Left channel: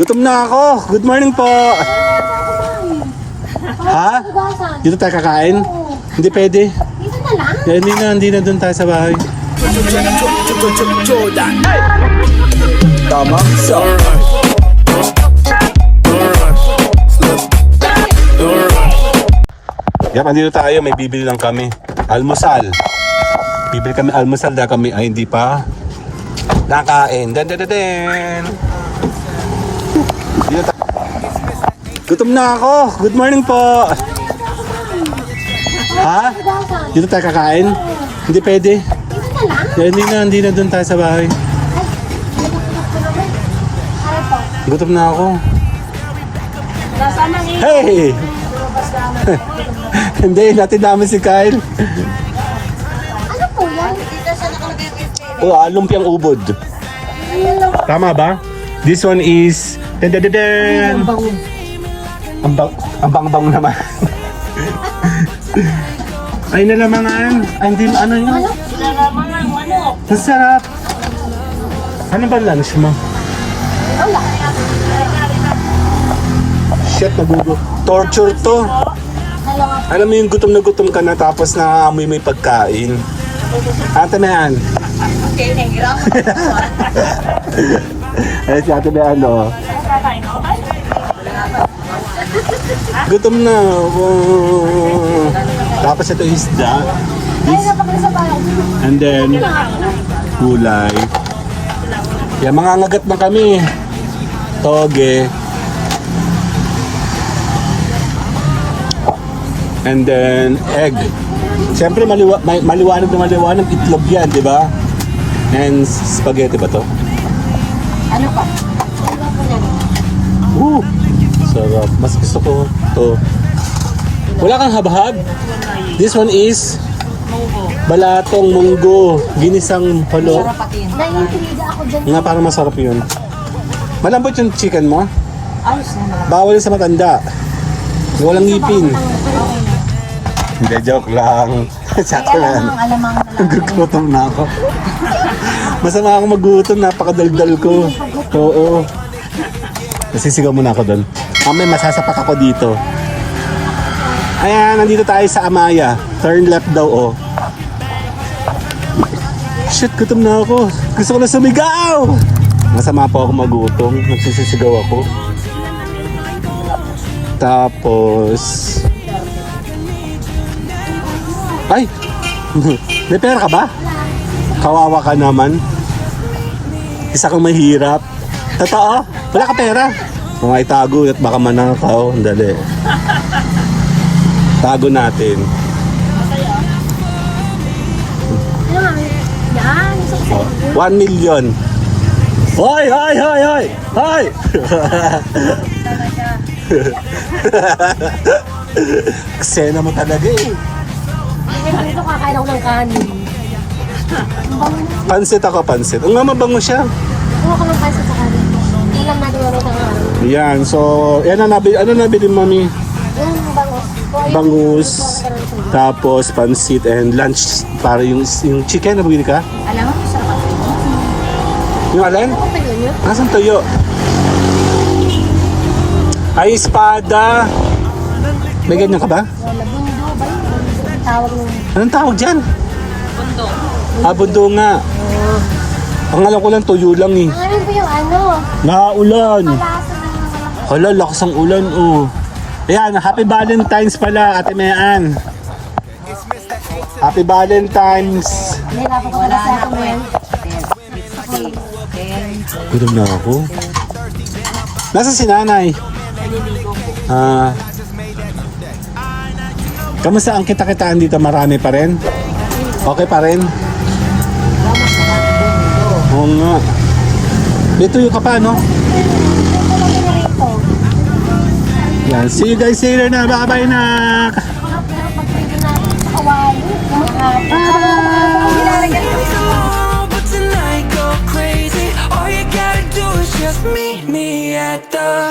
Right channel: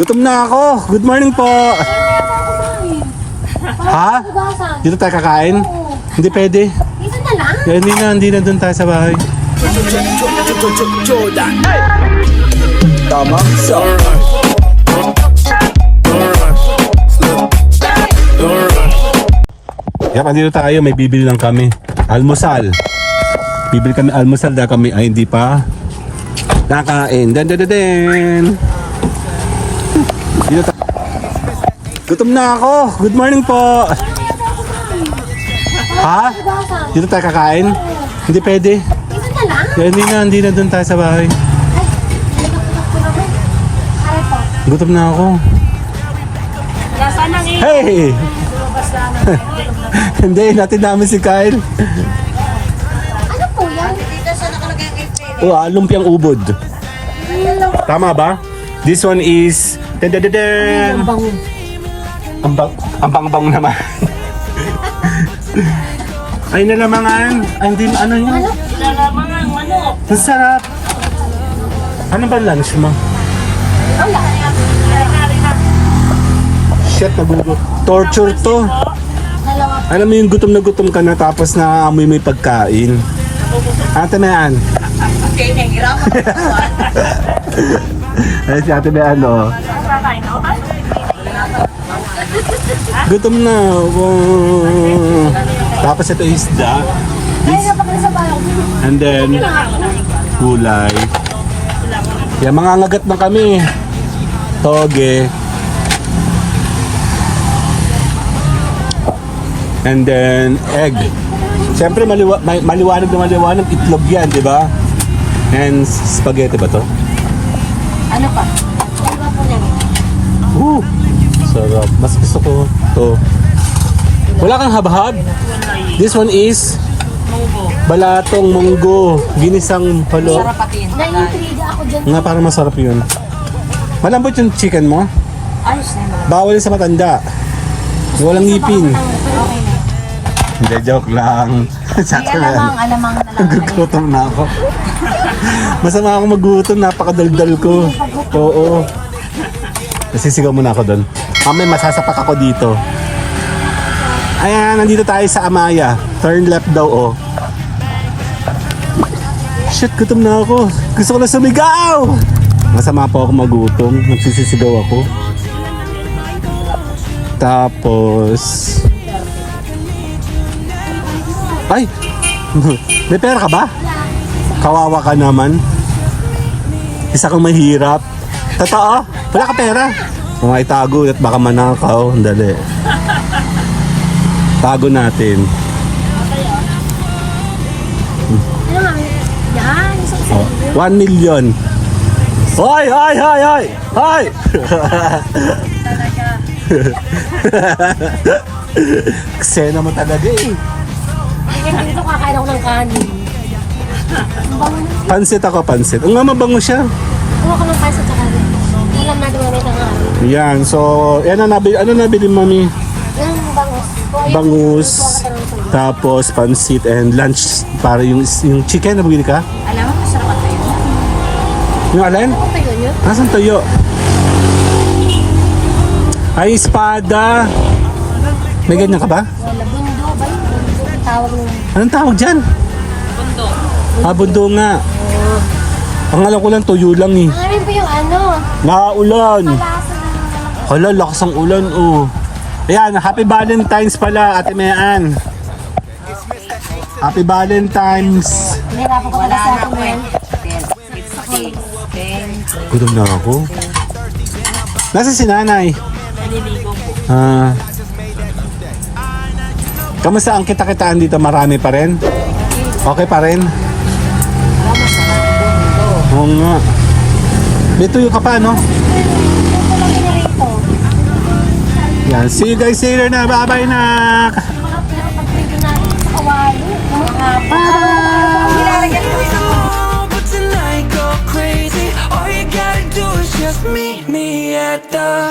Gutom na ako. Good morning po. Ha? Dito tayo kakain? Hindi pwede. Dito na lang? Hindi na doon tayo sa bahay. Jordan. Tama? Kaya dito tayo, may bibili lang kami. Almusal. Bibili kami almusal dahil kami ay hindi pa nakain. Den. Dito tayo. Gutom na ako. Good morning po. Ha? Dito tayo kakain? Hindi pwede. Dito na lang? Hindi na doon tayo sa bahay. Gutom na ako. Hey! Hindi, natin namin si Kyle. Oh, lumpiang ubod. Tama ba? This one is... Ang bang naman. Ay, nalamangan. Ay, hindi, ano yun? Ang sarap. Ano ba lunch mo? Shit, nagugot. Torture to. Alam mo yung gutom na gutom ka na tapos naaamoy mo yung pagkain. Ano tamaan? Ay, si Ate Bean, no? Gutom na. Tapos ito isda. And then, gulay. Yan, mga ngagat na kami. Toge. And then, egg. Siyempre, maliwanag na maliwanag. Itlog yan, di ba? And spaghetti ba to? Ano pa? Sarap. Mas gusto ko to. Wala kang habhab? This one is balatong munggo. Ginisang palo. Nga, parang masarap yun. Malambot yung chicken mo? Bawal sa matanda. Walang ngipin. Hindi, joke lang. Sakto na. Nagugutom na ako. Masama ako magutom. Napakadaldal ko. Oo. Masisigaw muna ako doon. Mamaya masasapak ako dito. Ayan, nandito tayo sa Amaya. Turn left daw, oh. Shit, gutom na ako. Gusto ko na sumigaw! Masama po ako magutom. Nagsisisigaw ako. Tapos... Ay! May pera ka ba? Kawawa ka naman. Isa kang mahirap. Totoo? Wala ka pera? Kung ay tago at baka manakaw. Dali. Tago natin. Oh, 1 million. Hoy! Hoy! Ksena mo talaga eh. Kumakain ako ng kanin. Pansit ako, pansit. Ang nga mabango siya. Kuha ko ng pasit sa kanin. Walang ano naman sa kanin. Yan, so, yan ang nabili. Ano nabili, mami? Yung bangus. Bangus, tapos pansit and lunch. Para yung chicken na bumili ka? Alam mo, gusto naman. Yung alin? Nasa tuyo? Ay, espada. May ganyan ka ba? Tawag mo. Anong tawag dyan? Bundo. Ah, bundo nga. Ang alam ko lang, tuyo lang eh. Alam mo yung ano? Nakaulan. Hala, lakas ang ulan. Oh. Ayan, happy Valentine's pala, Ate Mayan. Happy Valentine's. Kaya ako pala sa akin. Gutom na ako. Nasa si nanay? Kamusta ang kita-kitaan dito? Marami pa rin? Okay pa rin? Oo nga. Ito yung kapa, no? Yan. See you guys later na. Bye-bye na. But tonight go crazy. All you gotta do is just meet me at the